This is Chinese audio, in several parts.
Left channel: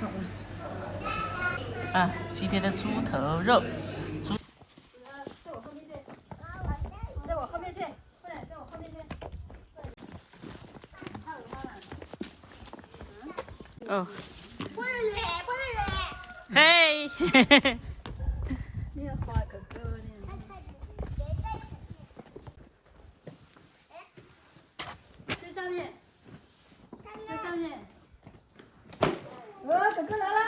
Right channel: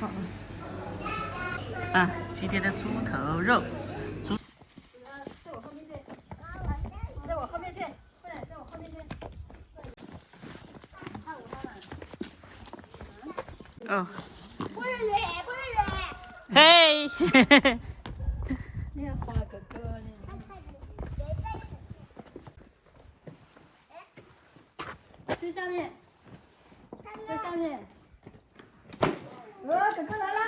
好了。啊，今天的猪头肉，猪。在我后面去，在我后面去，快点，在我后面去。哦。不是鱼，不是鱼。嘿，嘿嘿嘿。你要画哥哥呢？在下面，在下面。哥哥来了，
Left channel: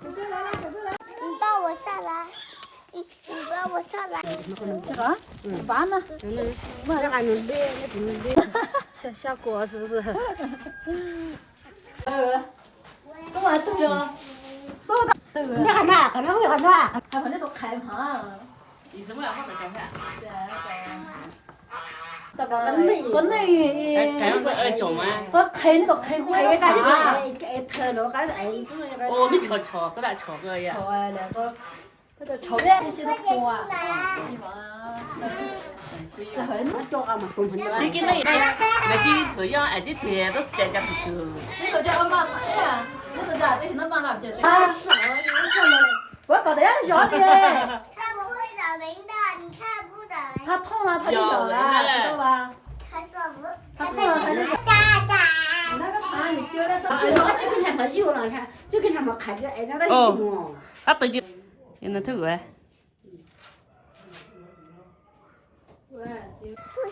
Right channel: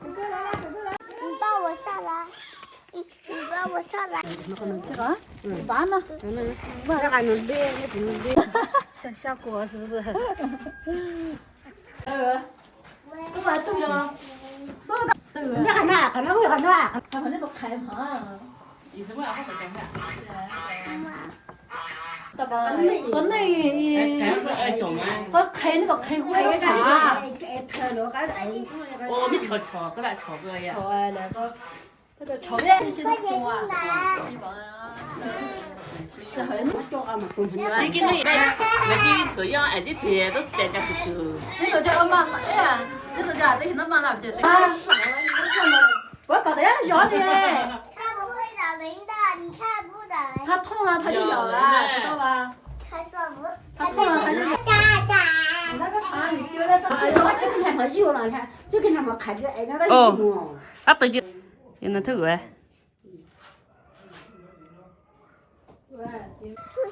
哥哥来了，哥哥来了。你抱我下来，你抱我下来。这个，完了，那还能练，那不能练。下锅是不是？跟我对了。你看那，看那会看那。他反正都开嘛。你什么要好好讲话？個你哎，做咩？個睇呢個睇過哎，那啊！你看了，看哎，我没瞧瞧，搁那瞧个呀。錯啊，兩個那個炒的些都火啊，希望啊，這很。叫俺们动很你跟那那些这样，哎，这天都是在家不久。你度只阿媽睇啊，你度只你睇到媽媽唔知啊？我搞得呀，小的。它不会咬人的，你看不得。它痛了，它就咬了，知道吧？它说不，它在嘎嘎。你那个糖你丢在上面。我就跟他们有了，看，就跟他们看着，哎，让他一弄。啊，对的，有那头哎。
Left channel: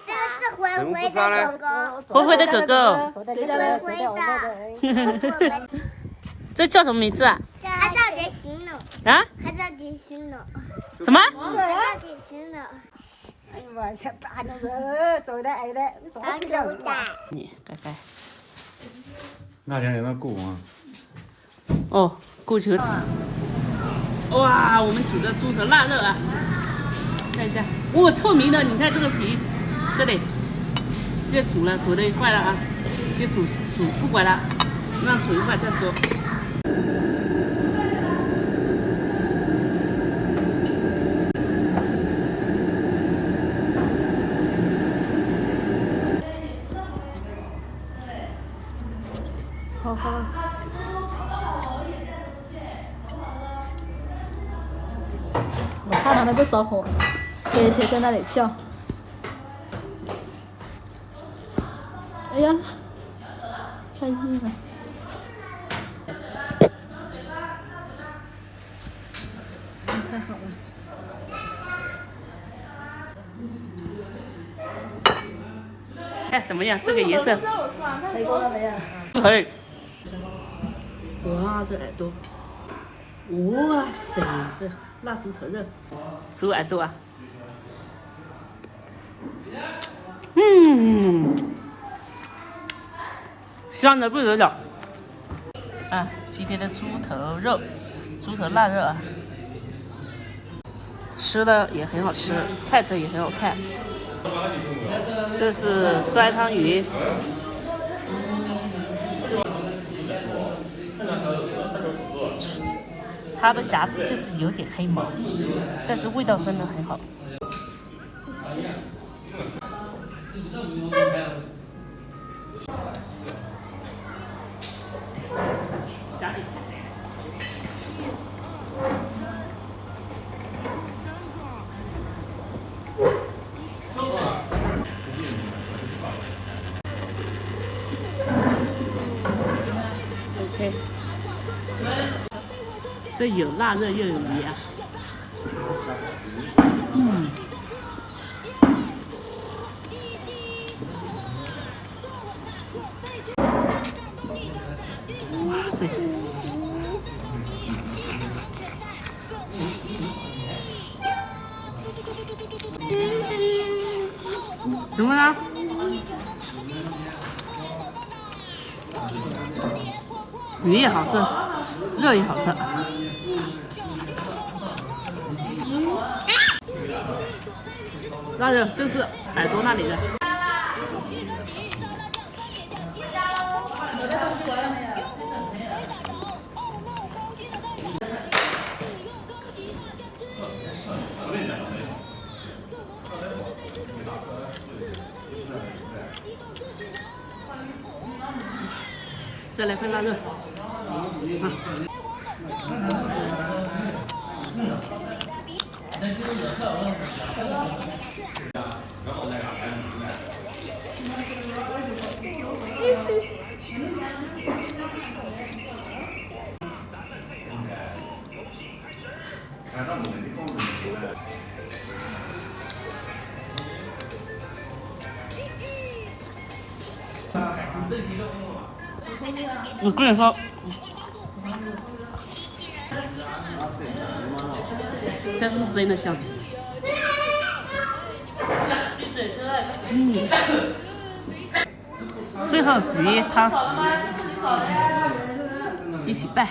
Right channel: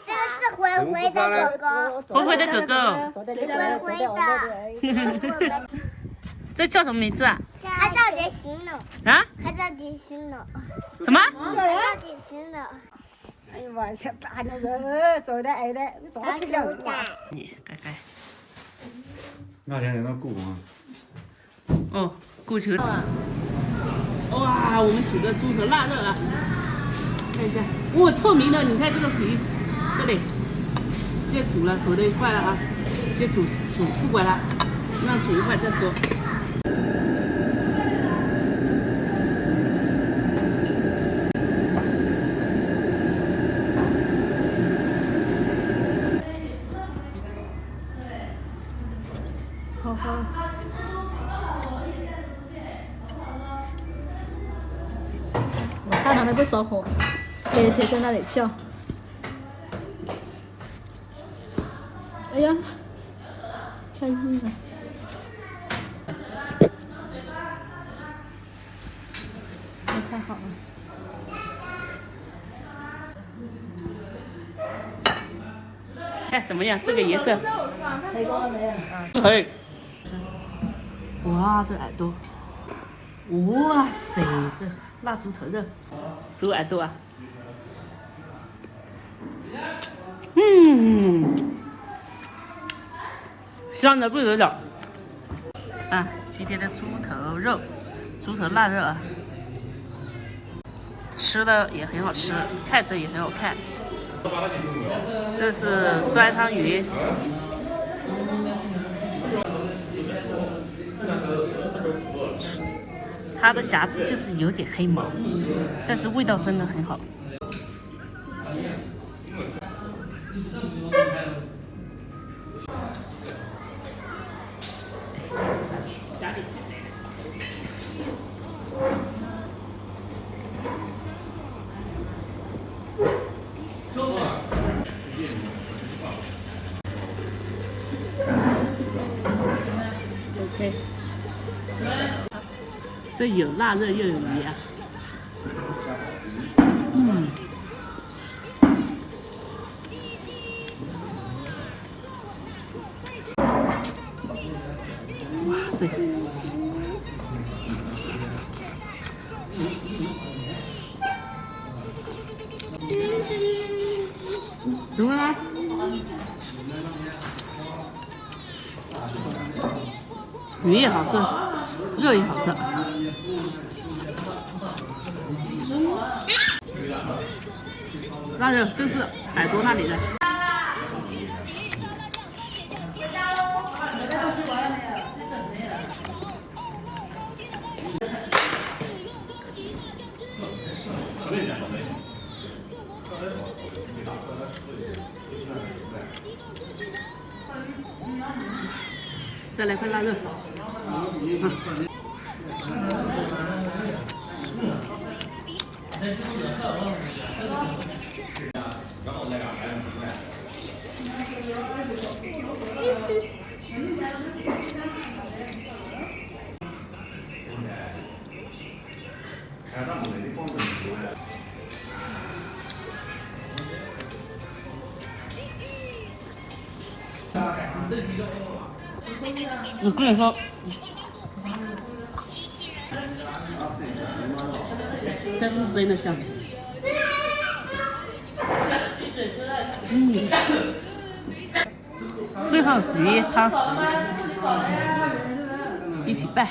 这是灰灰的狗狗，灰灰的狗狗，谁家的？灰的。这叫什么名字啊？它叫杰行呢，啊？它叫杰行呢，什么？它叫杰行呢。哎呀妈，这大那个，走的哎的，好手大。你该该。那天有那鼓吗？哦，过球。哇，我们煮的猪头腊肉啊，看一下，哇，透明的，你看这个皮，这里，现在煮了，煮的快了啊，先煮，不管了，让煮一会儿再说。好好。我看他们不烧火，天天在那里叫。哎呀，开心了。太好了。看怎么样？这个颜色。成功了没有？嘿。哇，这耳朵。哇塞，这腊猪头肉，熟耳朵啊。香的不得了。啊，今天的猪头肉，猪头腊肉啊，吃的也很好吃，看着也很好看。这是酸汤鱼。它的瑕疵就是有点黑毛，但是味道真的很好。OK。这有腊肉又有鱼啊，哇塞，怎么了？鱼也好吃，肉也好吃。腊肉就是耳朵那里的。再来块腊肉。我跟你说，这是真的香。最后鱼汤一起拌。